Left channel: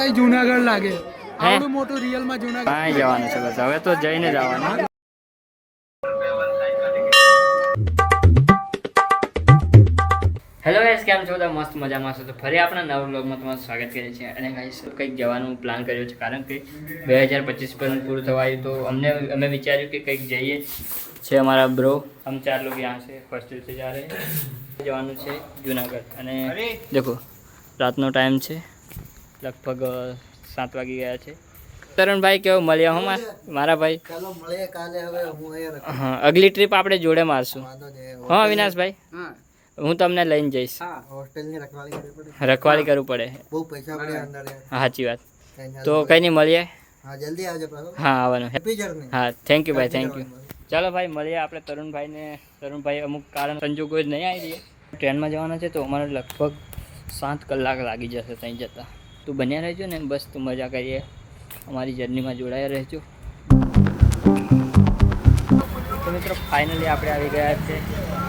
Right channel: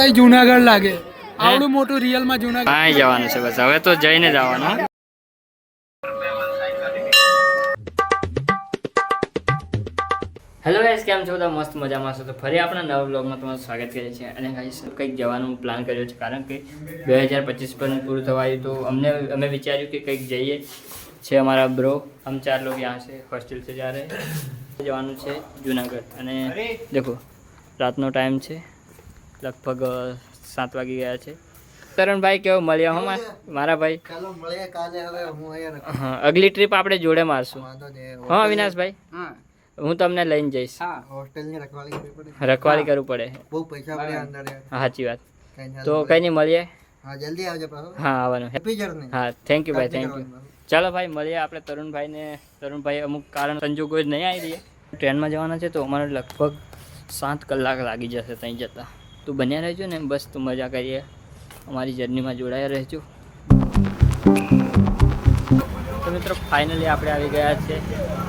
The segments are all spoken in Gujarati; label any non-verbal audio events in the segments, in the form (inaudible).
કઈ જુનાગઢ લાગે. આવડું મોટું રિયલમાં જુનાગઢ હા જવાનું છે બસ. હવે તો જઈને જવાનું હેલો ગાઈસ કેમ છો? બધા મસ્ત મજામાં છો. તો ફરી આપણા નવા બ્લોગમાં તમારું સ્વાગત કરીએ છીએ. અને ગાઈસ કંઈક જવાનું પ્લાન કર્યો છે. કારણ કે બે હજાર પચીસ પણ પૂરું થવાયું તો અમને અમે વિચાર્યું કે કંઈક જઈએ. છે અમારા બ્રો અમ ચાર લોકો ત્યાં છે. હોસ્ટેલ છે જ્યારે જવાનું છે જુનાગઢ. અને દેખો રાતનો ટાઈમ છે. લગભગ સાત વાગી ગયા છે. તરુણભાઈ કેવો? મળ્યા હો મા- મારા ભાઈ? હું અહીંયા હા અગલી ટ્રીપ આપણે જોડે મારશું. હા અવિનાશભાઈ હું તમને લઈને જઈશ. રખવાલી રખવાળી કરવી પડે. રખવાળી કરવું પડે. બહુ પૈસા પડ્યા અંદર હા, સાચી વાત. તો કંઈ નહીં મળીએ. હા જલ્દી આવજો હા આવવાનું. હેપી જર્ની હા થેન્ક યુ ભાઈ થેન્ક યુ ચાલો ભાઈ મળીએ આપણે. તરુણભાઈને તરુણભાઈ અમુક કારણ સંજોગો જ નહીં આવી રહ્યા. ટ્રેનમાં જવાના છે તો અમારે લગભગ સાત કલાક લાગી જશે ત્યાં જતાં. તું બન્યા રહેજો ને, બસ તું મજા કરીએ. અમારી જર્નીમાં જોડાયા રહેજો. તો મિત્રો ફાઇનલી આપણે આવી ગયા છે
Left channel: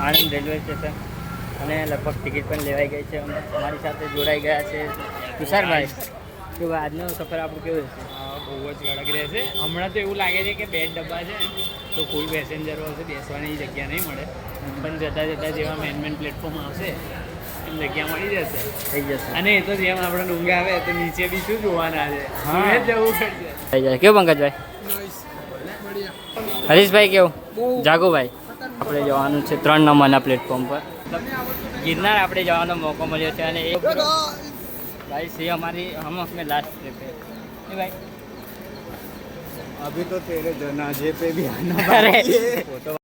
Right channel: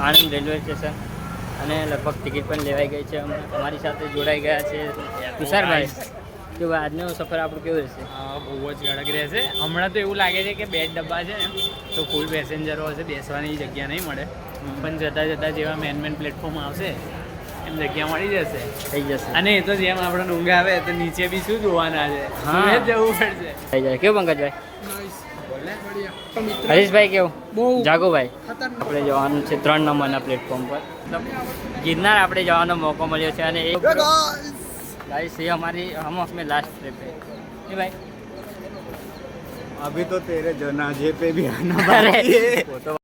આણંદ રેલવે સ્ટેશન અને લગભગ ટિકિટ પણ લેવાઈ ગઈ છે. અમે અમારી સાથે જોડાઈ ગયા છે તુષારભાઈ. ભાઈ આજનો સફર આપણું કેવું રહેશે? બહુ જ કડક રહેશે. હમણાં તો એવું લાગે છે કે બે ડબ્બા છે તો ફૂલ પેસેન્જરો હશે, બેસવાની જગ્યા નહીં મળે. પણ જતાં જતાં જેવા મેન મેન પ્લેટફોર્મ આવશે જગ્યા મળી જશે થઈ જશે અને એ તો જેમ આપણે ડુંગા આવે તો નીચે બી શું જોવાના છે હા. સુરત જવું પડશે થઈ જાય કેવું પંકજભાઈ હરીશભાઈ કેવું જાગુભાઈ આપણે જવાનું છે ત્રણ નંબરના પ્લેટફોર્મ પર મતલબ ગિરનાર આપણે જવાનો મોકો મળ્યો છે અને એક ગાઈસ ये हमारी हम अपने लास्ट ट्रिप है नहीं भाई અભી તો તેરે જનાજે પે ભી આના अरे वो तो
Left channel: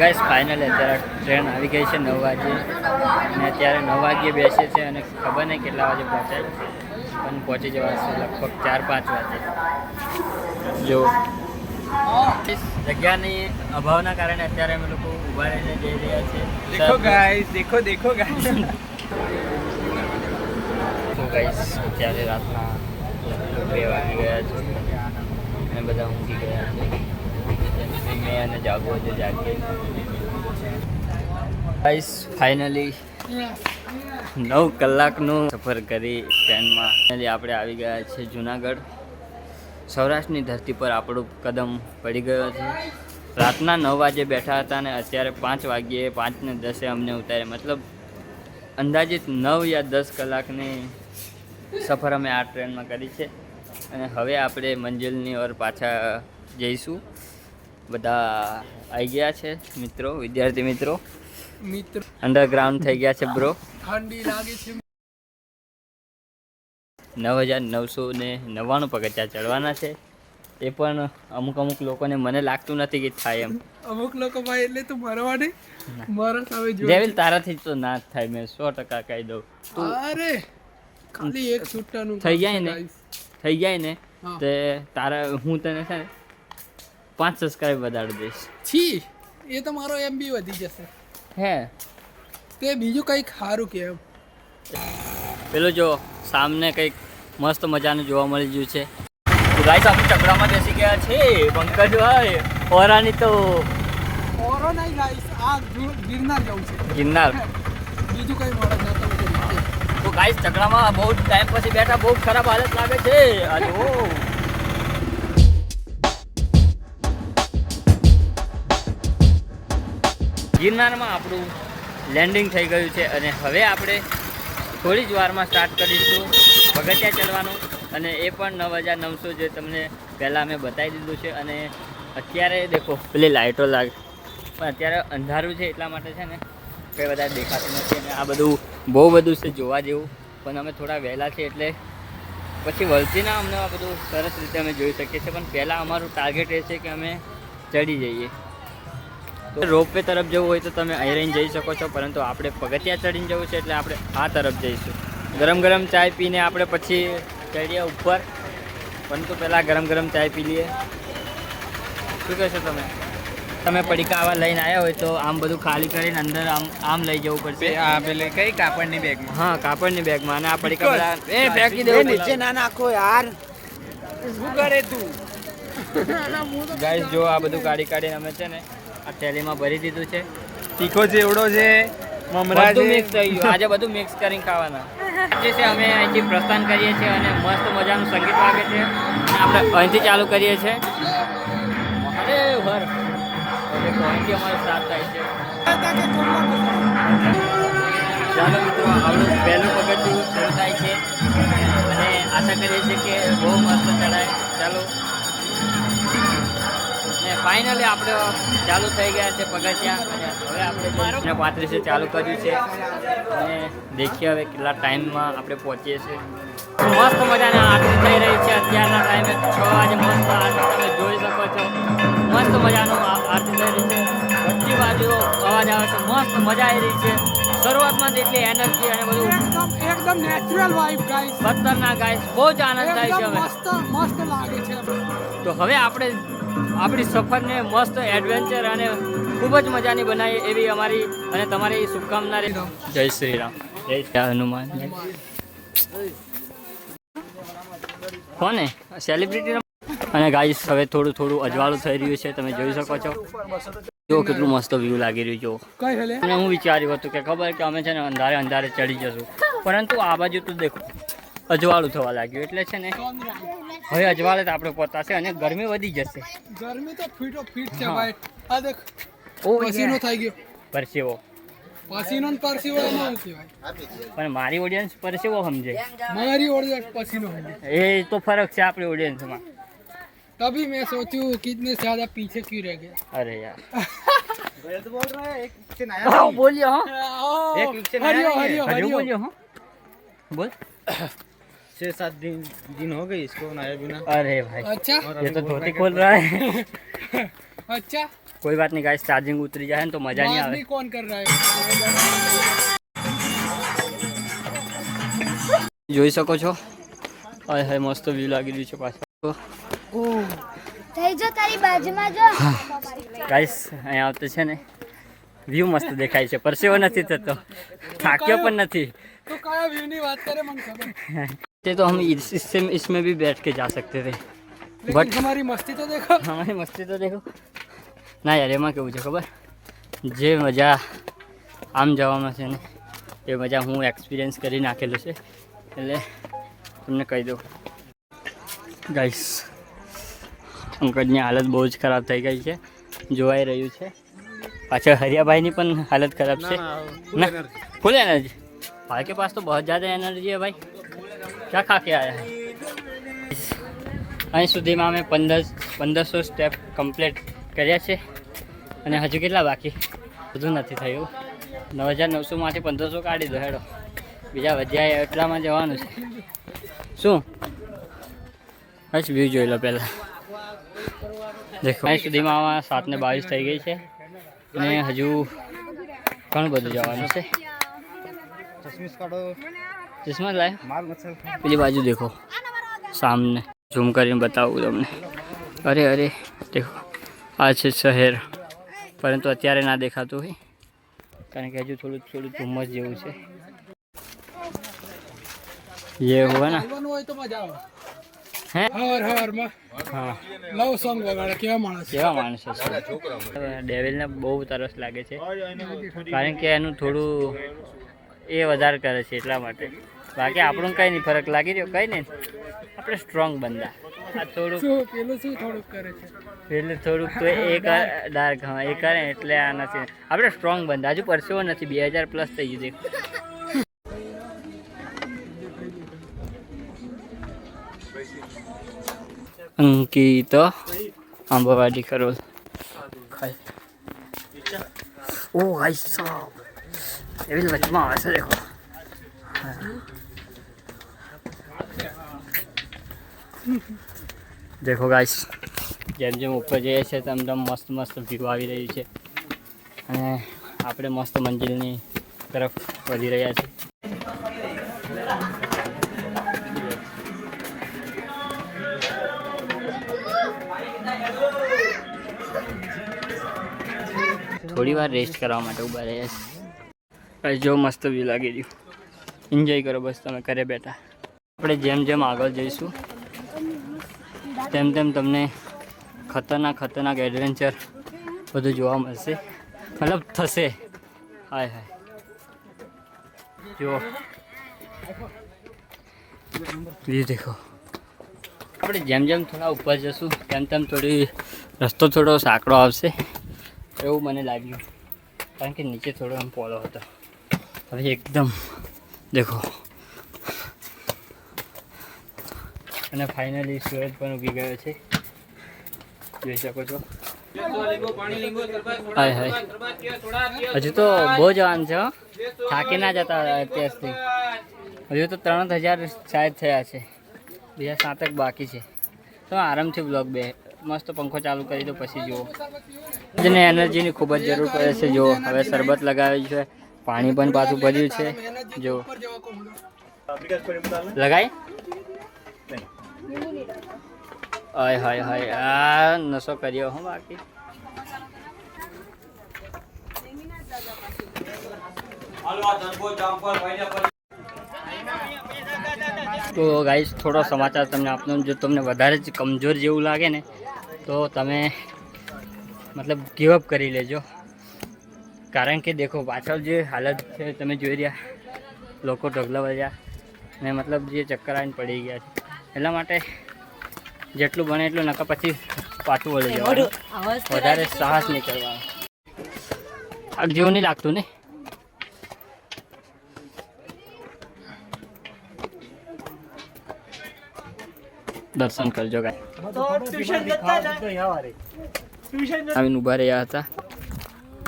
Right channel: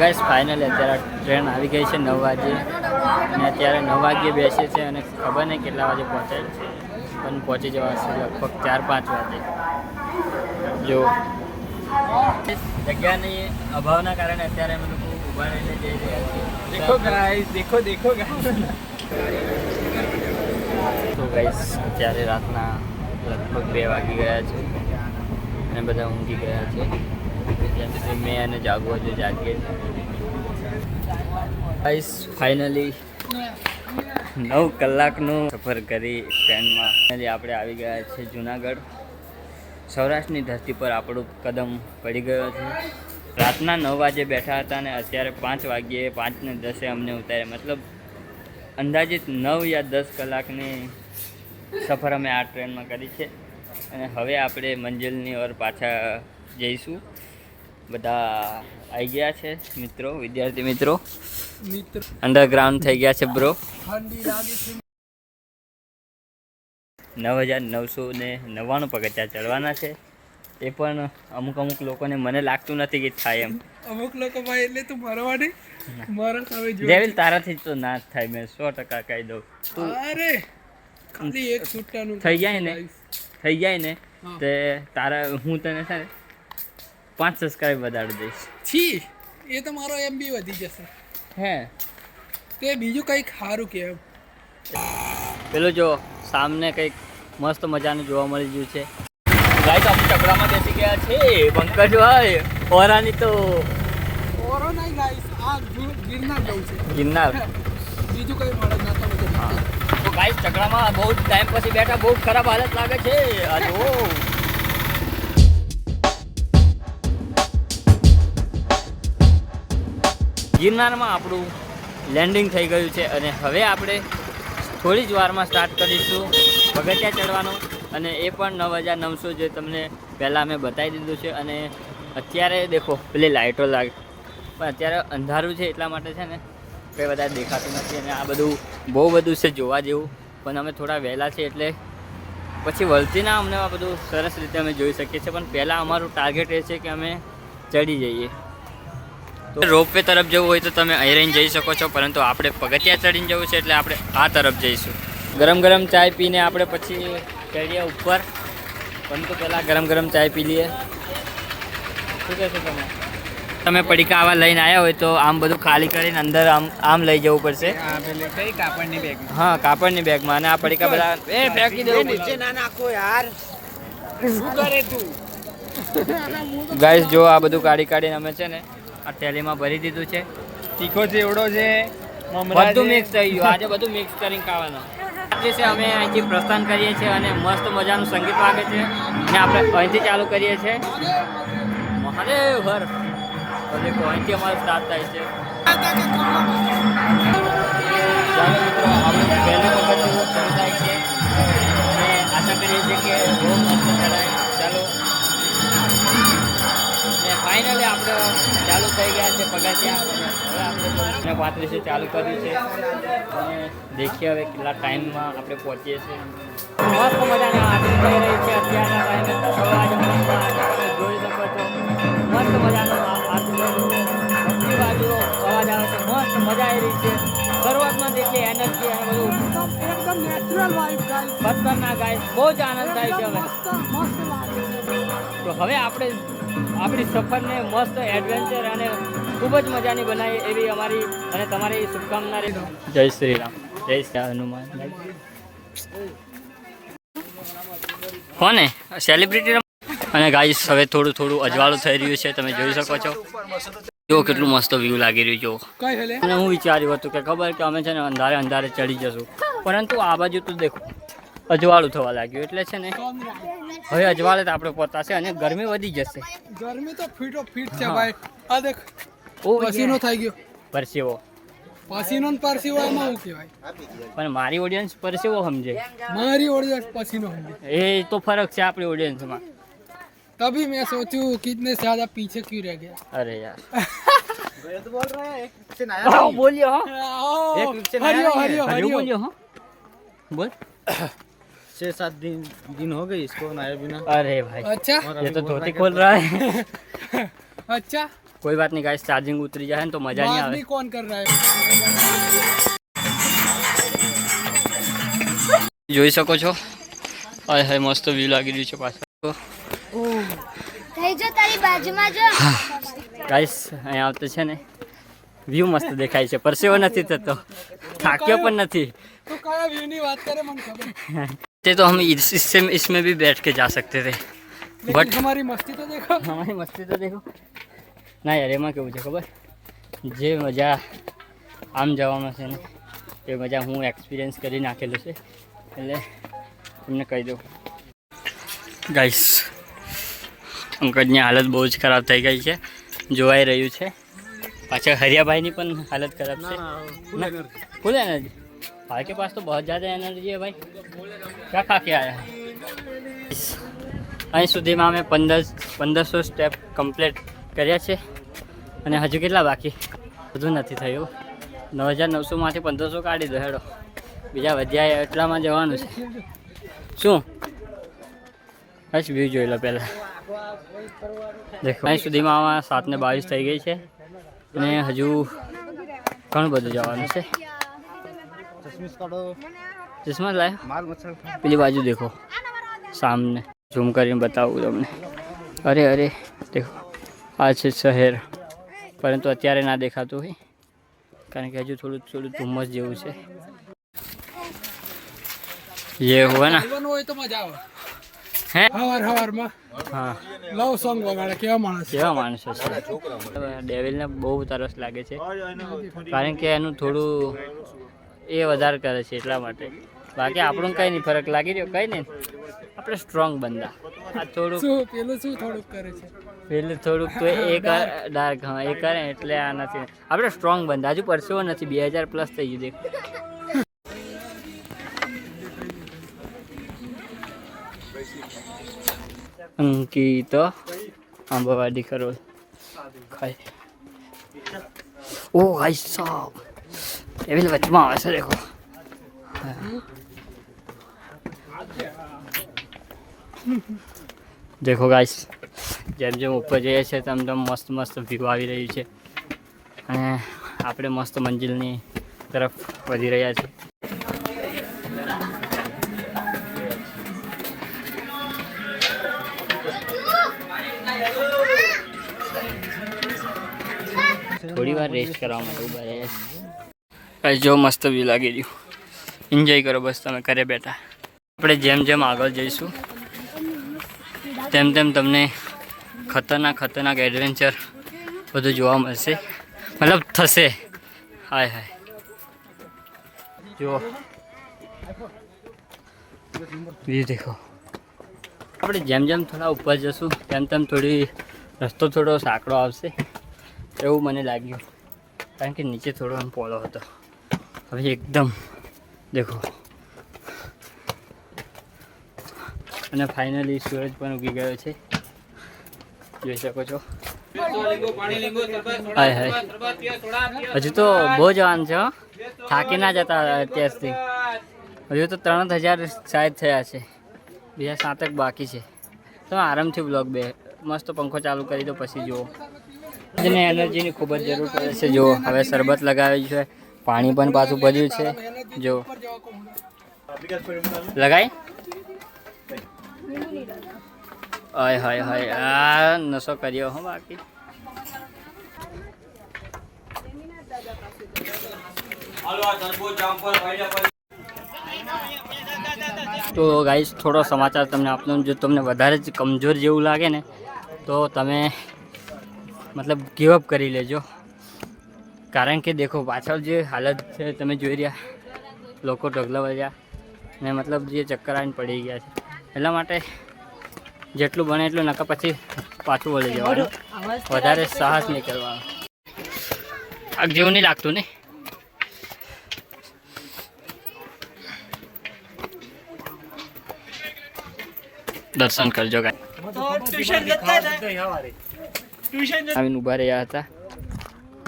ગાઈસ ફાઇનલ અત્યારે ટ્રેન આવી ગઈ છે નવ વાગે અને અત્યારે નવ વાગ્યે બેસે છે અને ખબર નહીં કેટલા વાગે પહોંચે. પણ પહોંચી જવાશે લગભગ ચાર પાંચ વાગે. જો. જગ્યાની અભાવના કારણે અત્યારે અમે લોકો ઊભા રહીને જઈ રહ્યા છીએ. દેખો ગાઈસ દેખો દેખો ગાઈસ તો ગાઈસ અત્યારે રાતના લગભગ બે વાગી ગયા છે. અને બધા ઊંઘી ગયા છે. મેં અને જાગવો છે જાગીએ ગાઈસ ફાઇનલી નવ કલાકનું સફર કરી ટ્રેનમાં. આપણે આવી ગયા છે જુનાગઢ. સૌરાષ્ટ્રની ધરતી પર આપણું કદમ પડી ગયો છે. રાતના નવ વાગે બેઠા હતા અને અત્યારે પાંચ વાગ્યે પાંચને દસે અમને ઉતારે મતલબ અંદાજિત નવ યા દસ કલાકની સફર અમે આ ટ્રેનમાં કરી છે. અને હવે આપણે મંજિલની ઓર પાછા જઈશું. બધા આવી ગયા છે મિત્રો વિદ્યાર્થી મિત્રો. મિત્રો. અંડરગ્રાઉન્ડ થઈ ગયા છે બ્રો ઠંડી લાગે છે. નવ હજાર નવસો ને નવ્વાણું પગથિયા ચડવાના છે. એ પણ અમુક અમુક લોકોને મને લાગતું નથી કે થાય એમ. અમુક લોકો ભાઈ એટલે તું મરવાની મારા સામે જો દેવિલ તારાથી તો ના થાય મેં સો ટકા કહી દઉં. અરે ખાલી એક છૂટાનું થઈ જાય ને. થઈ જાય ને. તે તારા હું તને છે ને પાંચ સબસ્ક્રાઇબ વધારી દઈશ. છી એ તો મારો એમ બી વધી જશે. હે? તે બીજું કંઈક સારું કે પેલું જો સામને કંઈક મસ્ત મજાનું જોવા મળી ગયું છે. ગાઈસ આપણે ચકડામાં બેસી ગયા છે પંકજભાઈ ઓરાની તો ઓરો નહીં ગાઈસ આ ગિરનાર જવું છે. ગિરનાર? બીજું કંઈ મળે ના. તો ગાઈસ ચકડામાં બહુ ટાઈમ પછી બેઠા બહુ ખરાબ હાલત લાગે છે. અરે ઓ ગિરનારમાં આપણું લેન્ડિંગ થઈ ગયું છે અને હવે આપણે થોડી જ વારમાં સ્ટાર્ટ કરીશું પગથિયા ચડવાનું અને એ પણ નવ હજાર નવસો જે તમને પહેલાં મેં બતાવી દીધું છે અને અત્યારે દેખો, પેલી લાઇટો લાગે પણ અત્યારે અંધારું છે એટલા માટે છે ને કંઈ વધારે દેખાતું નથી અને આ બધું બહુ બધું છે જોવા જેવું, પણ અમે થોડા વહેલા છે એટલે પછી વલતીના અમને આ બધું સરસ રીતે અમે જોઈ શકીએ છીએ, પણ પહેલાં અમારું ટાર્ગેટ એ છે કે અમે ચડી જઈએ. રોપવે તરફ જવું હોય તો તમે અહીં જઈ શકો છો પરંતુ આપણે પગથિયા ચડીને જવું છે એટલે આપણે આ તરફ જઈશું. ગરમ ગરમ ચાય પીને આપણે પછી ચડીએ ઉપર. પરંતુ પહેલાં ગરમ ગરમ ચાય પી લઈએ. શું કહેશો તમે? તમે પડીકા આવા લઈને આવ્યા હોય તો આમ બધું ખાલી કરીને અંદર આમ આમ લઈ જવું પડશે. કઈ કાપડની બેગમાં હા કાપડની બેગમાં અને આ પડીકા બધા એ ફેંકી દેવું નીચે ના નાખો યાર. શું કરે તું? ગાઈસ જો આ બધું કાઢી કાઢીને અમે છે ને આ થેલીમાં ભરી દીધું છે. તીખો ચેવડો છે મમરા બધું મિક્સ થઈ ગયું. આજે બધું મિક્સ કરીને ખાવાના. જે છે અમે અહીંથી પ્રસ્થાન કરીએ છીએ અને મસ્ત મજાનું સંગીત વાગે છે અને આપણે અહીંથી ચાલુ કરીએ છીએ. અરે હર. દેખો અહીંથી અમારો સ્ટાર્ટ થાય છે. ચાલો મિત્રો આપણું પહેલું પગથિયું શરૂ થાય છે. અને આશા કરીએ છીએ કે બહુ મસ્ત ચડાય. ચાલો. ને ફાઇનલી આપણે ચાલુ થઈ ગયા છે પગથિયા. અને હવે આપણે ને પાંત્રીસે ચાલુ કર્યું છે. અને દેખીએ હવે કેટલા ટાઈમમાં આપણે પહોંચીએ છીએ. મસ્ત મજાની આરતી થઈ રહી છે. અત્યારના ટાઈમે છ વાગે મસ્ત તમે જોઈ શકો છો. મસ્ત મજાનું આરતી થઈ રહી છે. બધી બાજુઓ અવાજ આવે છે. મસ્ત મજા આવી રહી છે. શરૂઆતમાં જેટલી એનર્જી અને બધું એકદમ નેચરલ વાઇબ ગાઈસ. ખતરનાક ગાય બહુ જ આનંદ થાય છે હવે. મસ્ત મસ્ત લાગે છે. તો હવે આપણે આપણી સફરને મસ્ત એડવેન્ચર અને ખૂબ જ મજાની બનાવી એવી અમારી અને તમારી શુભકામના રહે જય શ્રી રામ. જય શ્રી હનુમાન. કોને? સેલિબ્રિટી અને ગાઈસ હવે થોડું થોડું અજવાળું થઈ રહ્યું છે, તમે જોઈ શકો છો. જો કેટલું મસ્ત વ્યૂ લાગી રહ્યું જો અને હું વિચાર્યું હતું કે ખબર કે અમે છે ને અંધારે અંધારે ચડી જશું. પરંતુ આ બાજુ તો દેખો. અજવાળું થવા લાગ્યું એટલે છે ને કોમ રાઈટ હવે અજવાળે તો આપણે પહોંચાશે અને ગરમી વધી જશે ગરમી તો ફીટો ફીટ છે હા. ભાઈ આ દેખ ઓ પસીનો થઈ ગયો પરસેવો પસીનો ને પરસીવો એનું કહેવાય પણ મારી ઓડિયન્સ પરસેવો સમજે મારી ઓળખ પસીનો થઈ ગયો એ તો ફરક છે આપણી ઓડિયન્સમાં तभी मैं सोचूं कितने ज्यादा पीछे क्यों रह गया અરે યાર હા, બોલ્યો હા एक वीक से नया हरियो नहीं है। हरियो હજુ हरियो બોલ્યો હા બોલ छह सात दिन दिन हो गए इसको नया बिना अरे भाई अच्छा ये तो धोती खोल रहा है (laughs) अच्छा कोई बात नहीं गाइस चार्जिंग उतरी जाए ने तो मजा नहीं बात આવે भी कौन कर रहा है જોઈ શકો છો હાય હાય મસ્ત વ્યૂ લાગી રહ્યું છે પાછળ થઈ જો તારી બાજુમાં જો ગાઈસ અહીંયા આવતે છે ને વ્યૂ મસ્ત દેખાય છે પરસેવો નથી થતો થાક્યો પણ નથી तो कया व्यू ની વાત करे मन खबर (laughs) તે તો हम इस- इससे इसमें भी बैठ के जा सकते थे लेकिन बट हमारी मस्ती तो देखो हमारी मस्ती तो देखो ના યાર એમાં કેવું છે ખબર જે મજા આમ જવામાં છે ને એ મજા હું એક્સપિરિયન્સ કરી નાખેલું છે એટલે તમને કહી દઉં ગાઈસ પંકજની હાલત બહુ જ ખરાબ થઈ ગઈ છે જોવાઈ રહ્યું છે પાછળ હરિયાભાઈની પણ હાલત ખરાબ છે ना फुल एनर्जी भाई के पास तो बहुत ज़्यादा एनर्जी है भाई क्या खा के आया है અહીં સુધીમાં અમે પંદર પંદરસો સ્ટેપ કમ્પ્લીટ કર્યા છે અને હજુ કેટલા બાકી બધું નથી થયું નવ હજાર નવસોમાંથી પંદરસો કાઢી દો હેડો બીજા વધ્યા એટલામાં જવાનું છે શું બસ વ્યૂ જોઈ લો પહેલાં દેખો અહીં સુધીમાં આમાં સાત ને બાવીસ થઈ ગઈ છે અને હજુ ઘણું બધું જવાનું છે चश्मिश काटो ચશ્મા લાયા પેલી બાજુ દેખો. સામને ઝૂમ કરીને બતાવું તમને. અરે અરે દેખો. આ છે શહેર. પરંતુ અત્યારે ના દેખાતું હોય. કારણ કે હજુ થોડું થોડું ધુમ્મસ જેવું છે. એ હોય ને. હે? હા. માણસો ડેવિલને બહુ તરસ લાગે છે. કારણ કે એનું થોડું એ વધારે કરે છે એટલા માટે. બાકી આપણું કંઈ નહીં ફરક લાગી રહ્યો કંઈ નહીં. આપણે સ્ટ્રોંગ બંદા. આ થોડુંક પેલું શું થોડુંક કરે છે? પેલું થોડુંક તો એ (laughs) ડાર્ક હા એ કરે એટલે આ નથી. આપણે સ્ટ્રોંગ બંદા હજુ પરસેવો નથી બે હજાર પ્લસ થઈ ગયું અંકિત આંબાવાડી કરોલ ખાય. ઓ ભાઈ સાહેબ એવી વચમાં આવે છે દેખો દેખો ગાઈસ જેમ જેમ ઉપર જઈએ છીએ તેમ તેમ મસ્ત મસ્ત વ્યૂ આવી રહ્યું છે. અને આપણે મસ્ત મંજિલની તરફ વધી રહ્યા છીએ. થોડી વાર રેસ્ટ કરવા માટે ઊભા રહ્યા કાંઈ જો મસ્ત વ્યૂ લાગી રહ્યું. એન્જોય કરો બસ, તમે ઘરે બેઠા. આપણે જેમ જેમ આગળ જઈશું, તેમ તેમ તમને ખતરનાક ખતરનાક એડવેન્ચર બધું જોવા મળશે. મતલબ થશે. હાય હાય. જુઓ. વ્યૂ દેખો. આપણે જેમ જેમ થોડા ઉપર જશું, તેમ તેમ થોડી રસ્તો થોડો સાંકડો આવશે. એવું મને લાગ્યું. કારણ કે નીચે થોડો એમ પોલો હતો. હવે એકદમ દેખો. અને ફાઇનલી સૂરજ પણ ઉગી ગયો છે. જોઈ શકો છો. હાય હાય. હજુ તો બહુ જવાનું છે થાકી ના જતા અત્યારથી. હજુ તો ત્રણ હજાર સાહેબ થયા છે. બીજા સાતક બાકી છે. તો આરામથી બ્લોગ બે. મસ્ત પંખો ચાલુ કરી દો, પછી જુઓ. એને એનર્જીની ખૂબ જ જરૂર પડે છે, જુઓ. હવે શરબત લગાવ્યું છે. પાણી પણ પાછું ભર્યું છે. જો. લગાય. હાય હાય હાય. આ નશો કર્યો હો બાકી. તો ગાઈસ થોડો સમાચાર તમને આપનો જો તમને વધારે જ કમજોર જેવું લાગે ને, તો તમે મતલબ ગીવઅપ કરી લેજો. કારણ કે દેખો પાછળ જે હાલત છે તમે જોઈ રહ્યા લોકો ઢગલા ને મતલબ જે ચક્કર આવીને પડી ગયા છે. એટલા માટે જેટલું બને એટલું નકા પછી પાછું વળી જવાનું. વધારે સાહસ નહીં કરવાનો. આગ જેવું નહીં લાગતું ને? દર્શન કરજો ગાય. આવીને ઊભા રહ્યા હતા.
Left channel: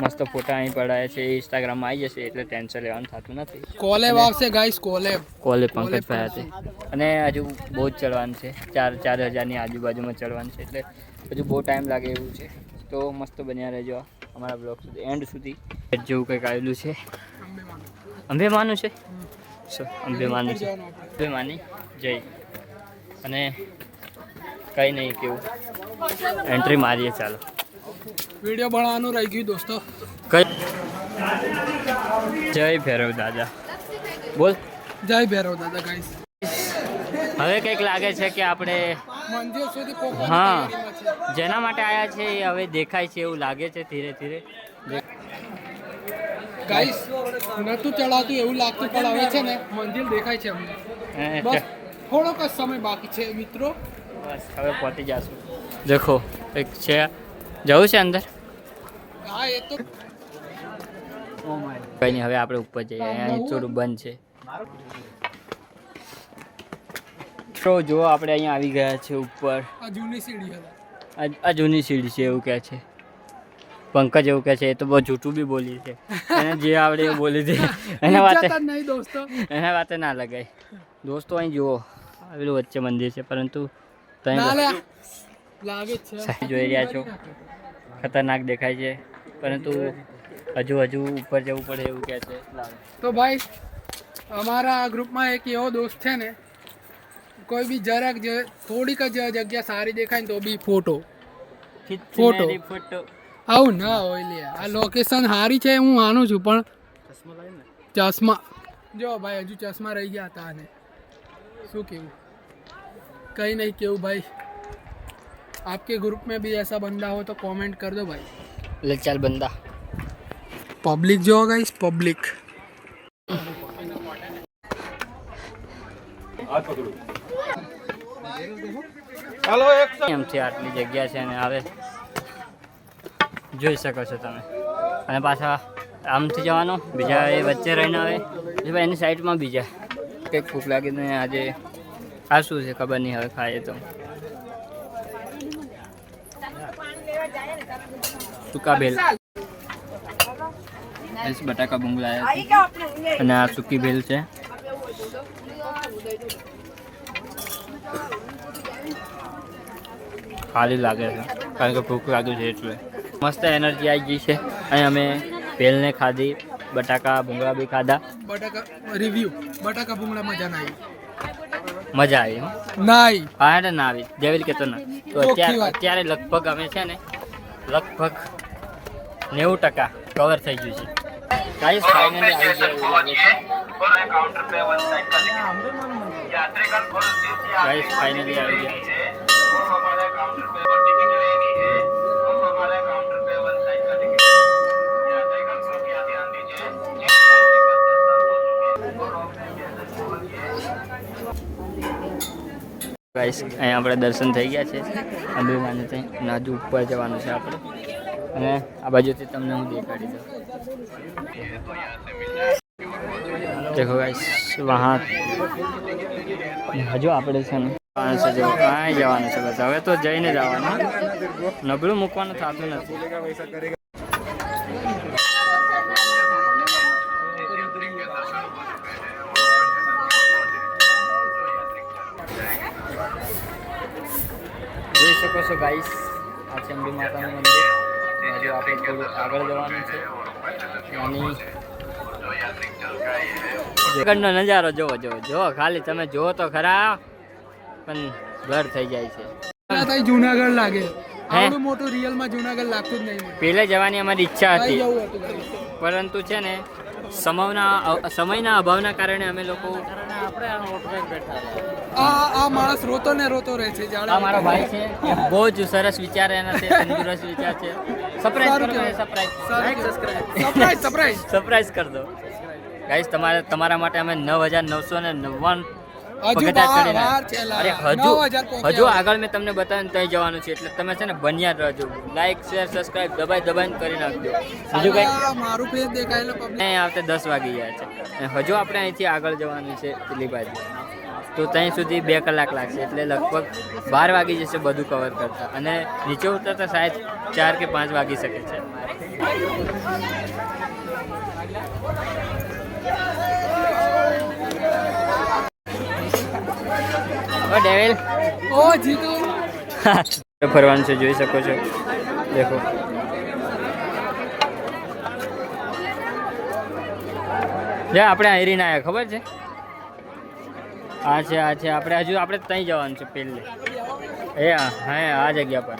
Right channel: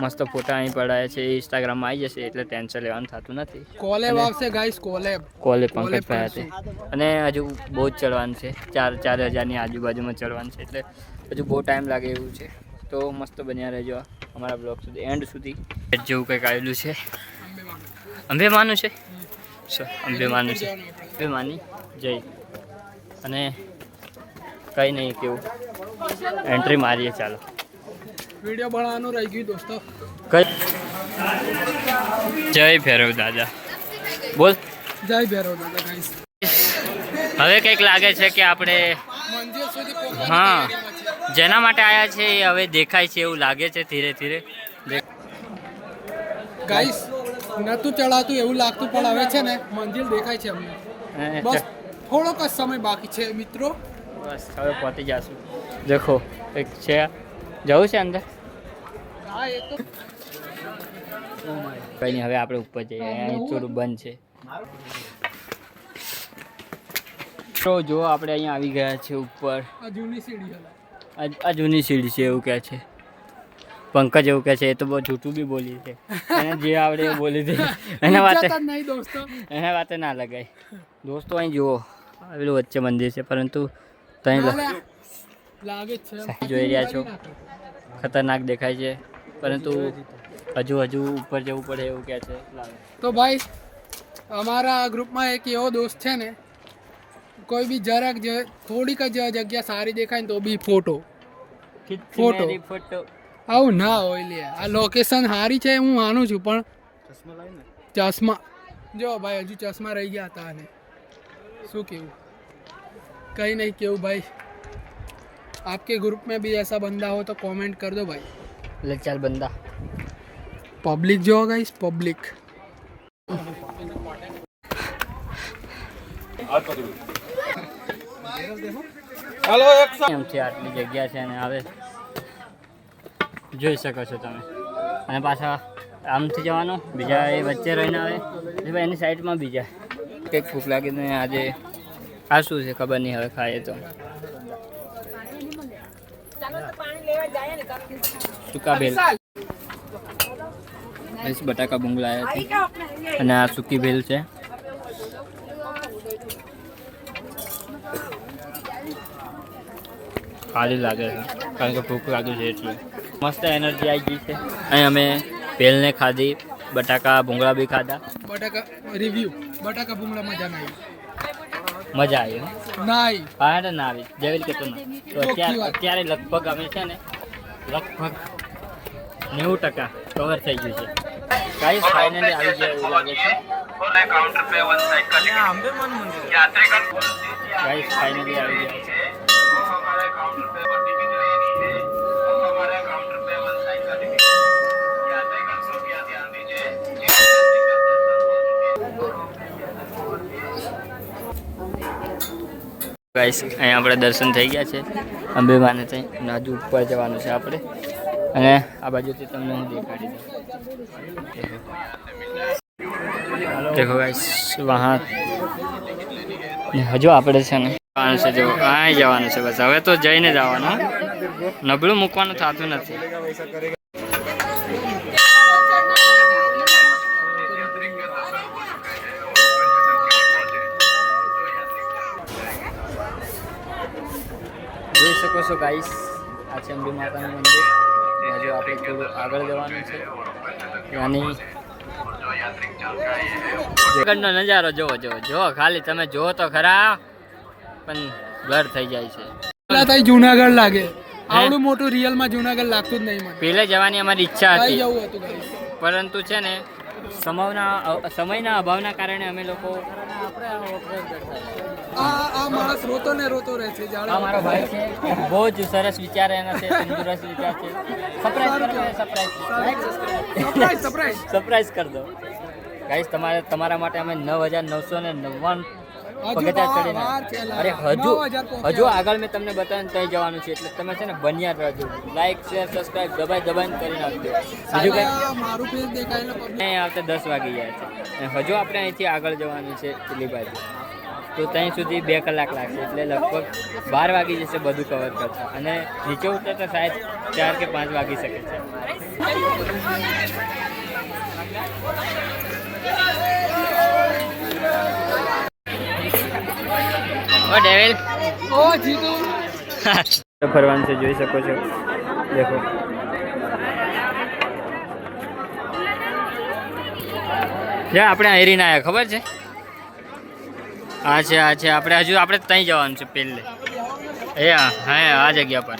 મસ્ત ફોટા અહીં પડાય છે ઇન્સ્ટાગ્રામમાં આવી જશે એટલે ટેન્શન લેવાનું થતું નથી. કોલેબ આવશે ગાઈસ કોલેબ. કોલે પંકજભાઈ હતી અને હજુ બહુ જ ચડવાનું છે ચાર ચાર હજારની આજુબાજુમાં ચડવાનું છે એટલે હજુ બહુ ટાઈમ લાગે એવું છે. તો મસ્ત બન્યા રહેજો અમારા બ્લોગ સુધી એન્ડ સુધી. જેવું કંઈક આવેલું છે. અંબેમાનું છે? અંબેમાનું છે. અંબેમાની જય. અને કંઈ નહીં કેવું. એન્ટ્રી મારીએ ચાલો. વીડિયો બનાવવાનું રહી ગયું દોસ્તો. કઈ? જય ભૈરવ દાદા. બોલ. જય ભૈરવ દાદા ગાઈસ હવે કંઈક લાગે છે કે આપણે મંદિર સુધી હા. જેના માટે આવ્યા છે એ હવે દેખાય છે એવું લાગે છે ધીરે ધીરે. ગાઈસ નતું ચડાતું એવું લાગતું પણ હવે છે ને મંદિર દેખાય છે અમને. બસ થોડોક જ સમય બાકી છે મિત્રો. બસ હવે પહોંચી જશું. દેખો એક છે જવું છે અંદર? કઈ નહીં હવે આપણે ઉપર જઈએ. અહીં થોડું બંધ છે. તો જો આપણે અહીંયા આવી ગયા છે ઉપર. આ જૂની સીડી છે. એવું કહે છે. પંકજ એવું કહે છે. એ તો બહુ જૂઠું બી બોલી છે. એને જે આવડે એ બોલી દે. એના વાતે એના વાતે ના લગાય. દોસ્તો અહીં જુઓ. આવેલું વચ્ચે મંદિર છે પરંતુ સાહેબ જોઈ રહ્યા છો. ખતરનાક દેખાય છે. પરંતુ હજુ હજુ ઉપર જવું પડે એવું કહે છે. તો ભાઈ અમારા ગ્રુપમાં એક એવો દોસ્ત છે ને કોઈ બી જરાક જે થોડીક જ જગ્યા સારી દેખાય ને તો બી ફોટો. ફોટો. આવું ના હોય લે. આ લોકેશન સારી છે હું માનું છું પણ ચશ્મા જો ભાઈ હજુ ચશ્મા રહી ગયા હતા અને. શું કેવું? કંઈ નહીં કેવું ભાઈ? आपके ग्रुप में भी ऐसा बंदा हो तो कमेंट कर दो भाई લે ચાલ બંદા पब्लिक जो होगा इस पब्लिक એમથી આટલી જગ્યા છે અને હવે જોઈ શકો છો તમે અને પાછા આમથી જવાનું બીજા એ વચ્ચે રહીને આવે એટલે ભાઈ એની સાઈડમાં બીજા કંઈક ભૂખ લાગીને આજે આ શું છે ખબર નહીં હવે ખાઈએ તો સુકા ભેલ. બટાકા ભૂંગળા અને આ સૂકી ભેલ છે. ખાલી લાગે છે કારણ કે ભૂખ લાગ્યું છે એટલે. મસ્ત એનર્જી આવી ગઈ છે. અહીં અમે ભેલને ખાધી બટાકા ભૂંગળા બી ખાધા. બટાકા રિવ્યુ બટાકા ભૂંગળા મજા ના આવી. મજા આવી ના આવી હા ના આવી જેવી રીતે ના. તો અત્યારે અત્યારે લગભગ અમે છે ને લગભગ નેવું ટકા કવર થઈ ગયું છે. ગાઈસ ફાઇનલી આવી ગયા એવું લાગે છે. ગાઈસ ફાઇનલી આવી ગયા. છે ગાઈસ અહીંયા આપણે દર્શન થઈ ગયા છે. અંબેમાને ત્યાં નાજુ ઉપર જવાનું છે આપણે. અને આ બાજુથી તમને હું દેખાડી દઉં. દેખો ગાઈસ વહાં હજુ આપણે છે ને જવાનું છે જો જવાનું છે, બસ. હવે તો જઈને જવાનું નબળું મૂકવાનું થતું નથી. જોઈ શકો છો ગાઈસ આ અંબે માતાનું મંદિર. અને હજુ આપણે થોડું આગળ જવાનું છે. ત્યાંની આગળનો નજારો જોવો જોવો. જોવો ખાલી તમે જોવો તો ખરા પણ ઘર થઈ જાય છે. જુનાગઢ લાગે. આવડું મોટું રિયલમાં જુનાગઢ લાગતું જ નહીં પેલે જવાની અમારી ઈચ્છા હતી. જવું પરંતુ છે ને સમયના સમયના અભાવના કારણે અમે લોકો આ માણસ રોતો ને રોતો રહે છે આ મારો ભાઈ છે બહુ જ સરસ વિચાર એના છે તંદુરસ્ત વિચાર છે. સરપ્રાઈઝ કરો સરપ્રાઈઝ સરપ્રાઈઝ સરપ્રાઈઝ કર દો. ગાઈસ તમારે તમારા માટે અમે નવ હજાર નવસો ને નવ્વાણું પગથિયા ચડીને. અરે હજુ હજુ આગળ મેં તમને બતાવીને ત્યાં જવાનું છે એટલે તમે છે ને બન્યા જ રહેજો. લાઈક શેર સબસ્ક્રાઇબ દબાઈ દબાઈને કરી નાખજો. હજુ કંઈ? મારું ફેસ દેખાયેલો અહીં આવતે દસ વાગી ગયા છે. હજુ આપણે અહીંથી આગળ જવાનું છે પેલી બાજુ. તો ત્યાં સુધી બે કલાક લાગશે એટલે લગભગ બાર વાગી જશે બધું કવર કરતા. અને નીચે ઉતરતા સાહેબ ચાર કે પાંચ વાગી શકે છે. ઓ ડેવિલ. ઓ જીતુ. (laughs) ફરવાનું છે જોઈ શકો છો. દેખો. જા આપણે હેરીને આવ્યા ખબર છે? હા છે હા છે આપણે હજુ આપણે ત્યાં જવાનું છે પહેલે. એ હા હા આ જગ્યા પર.